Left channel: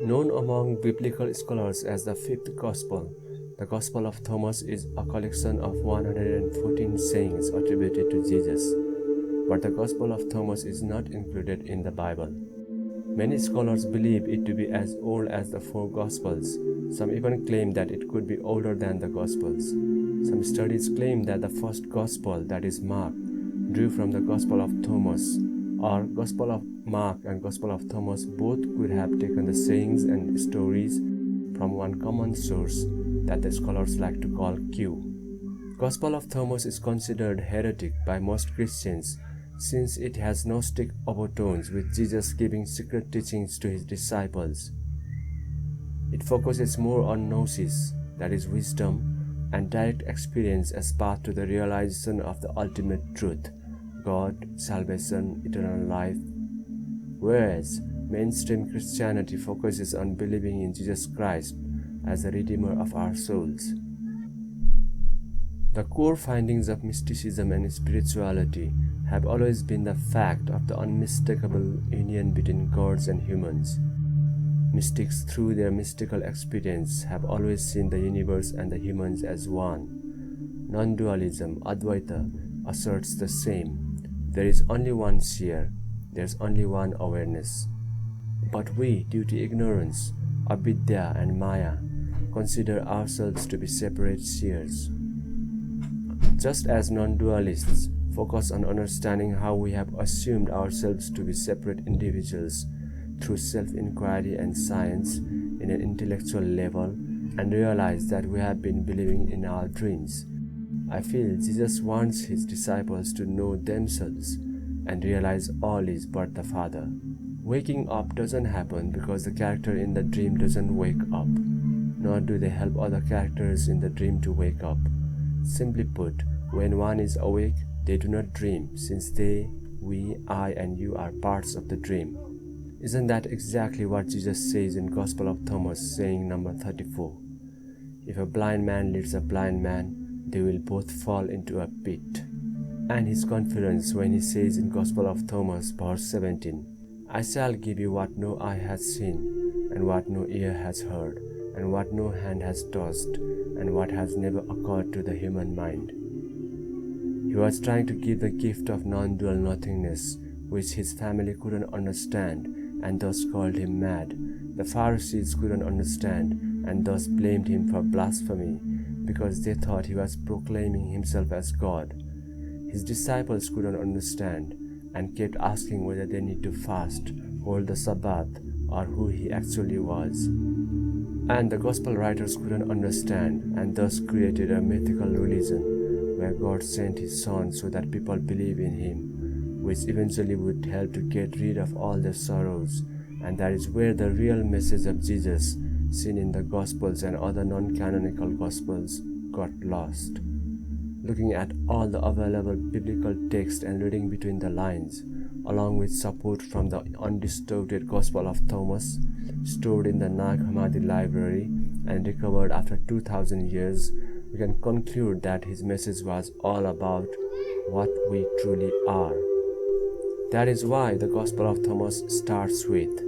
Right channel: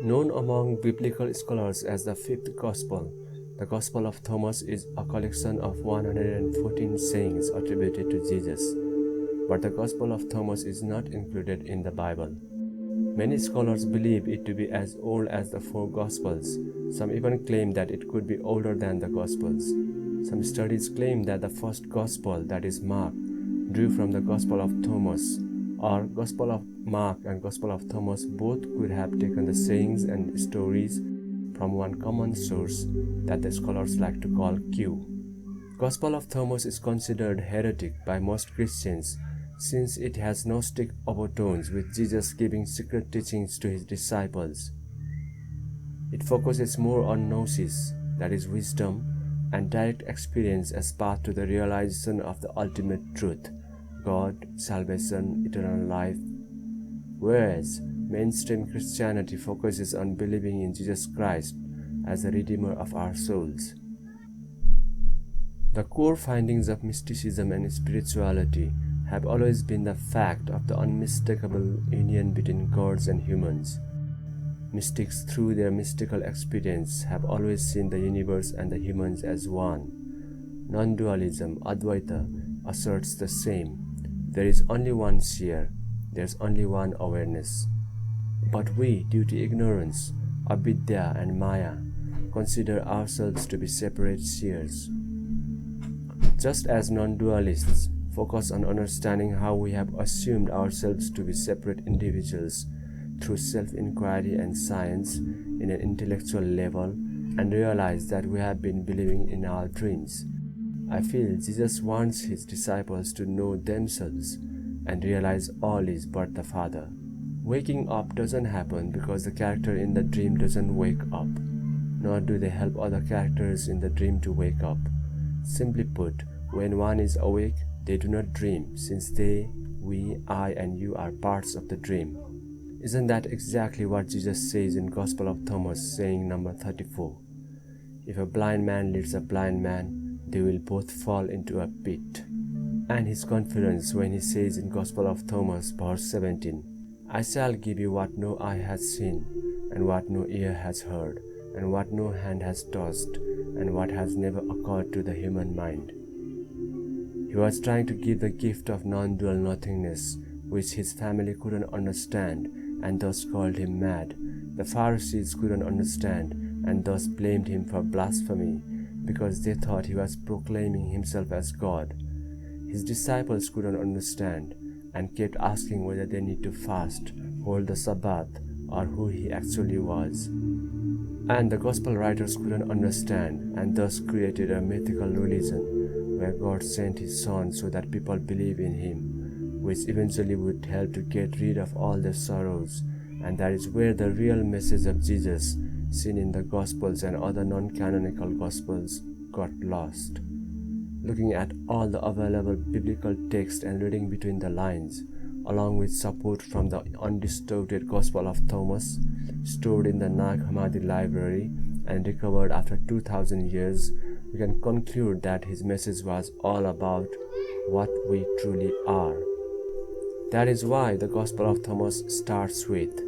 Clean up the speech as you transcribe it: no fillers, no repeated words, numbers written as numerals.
Known among biblical scholars as the fifth gospel, the Gospel of Thomas is a collection of 114 sayings attributed to Jesus, but the Gospel of Thomas is not included in the Bible. Many scholars believe it to be as old as the four Gospels. Some even claim that it could be older than the Gospels. Some studies claim that the first Gospel, that is Mark, drew from the Gospel of Thomas, or Gospel of Mark and Gospel of Thomas both could have taken the sayings and stories from one common source that the scholars like to call Q. Gospel of Thomas is considered heretic by most Christians since it has Gnostic overtones with Jesus giving secret teachings to his disciples. It focuses more on gnosis, that is wisdom, and direct experience as path to the realization of the ultimate truth, God, salvation, eternal life, whereas mainstream Christianity focuses on believing in Jesus Christ as the Redeemer of our souls. The core findings of mysticism and spirituality have always been the fact of the unmistakable union between gods and humans. Mystics, through their mystical experience, have always seen the universe and the humans as one. Non-dualism, Advaita, asserts the same. There is only one seer, there is only one awareness. But we, due to ignorance, avidya and maya, consider ourselves to be separate seers. Just as non-dualists focus on understanding how we have assumed ourselves to be separate individuals through self-inquiry and science in an intellectual level and realize that we have been believing in our dreams, I feel Jesus wants his disciples to know themselves and realize all is but the Father. Waking up doesn't happen because the character in the dream doesn't wake up, nor do they help other characters in the dream to wake up. Simply put, when one is awake, they do not dream, since they, we, I, and you are parts of the dream. Isn't that exactly what Jesus says in Gospel of Thomas, saying number 34? If a blind man leads a blind man, they will both fall into a pit. And his confidence when he says in Gospel of Thomas, verse 17, I shall give you what no eye has seen, and what no ear has heard, and what no hand has touched, and what has never occurred to the human mind. He was trying to give the gift of non-dual nothingness, which his family couldn't understand, and thus called him mad. The Pharisees couldn't understand, and thus blamed him for blasphemy, because they thought he was proclaiming himself as God. His disciples couldn't understand, and kept asking whether they need to fast, hold the Sabbath, or who he actually was. And the gospel writers couldn't understand, and thus created a mythical religion, where God sent his Son so that people believe in him, which eventually would help to get rid of all their sorrows, and that is where the real message of Jesus, seen in the Gospels and other non-canonical Gospels, got lost. Looking at all the available biblical text and reading between the lines, along with support from the undistorted Gospel of Thomas, stored in the Nag Hammadi library and recovered after 2000 years, we can conclude that his message was all about what we truly are. That is why the Gospel of Thomas starts with,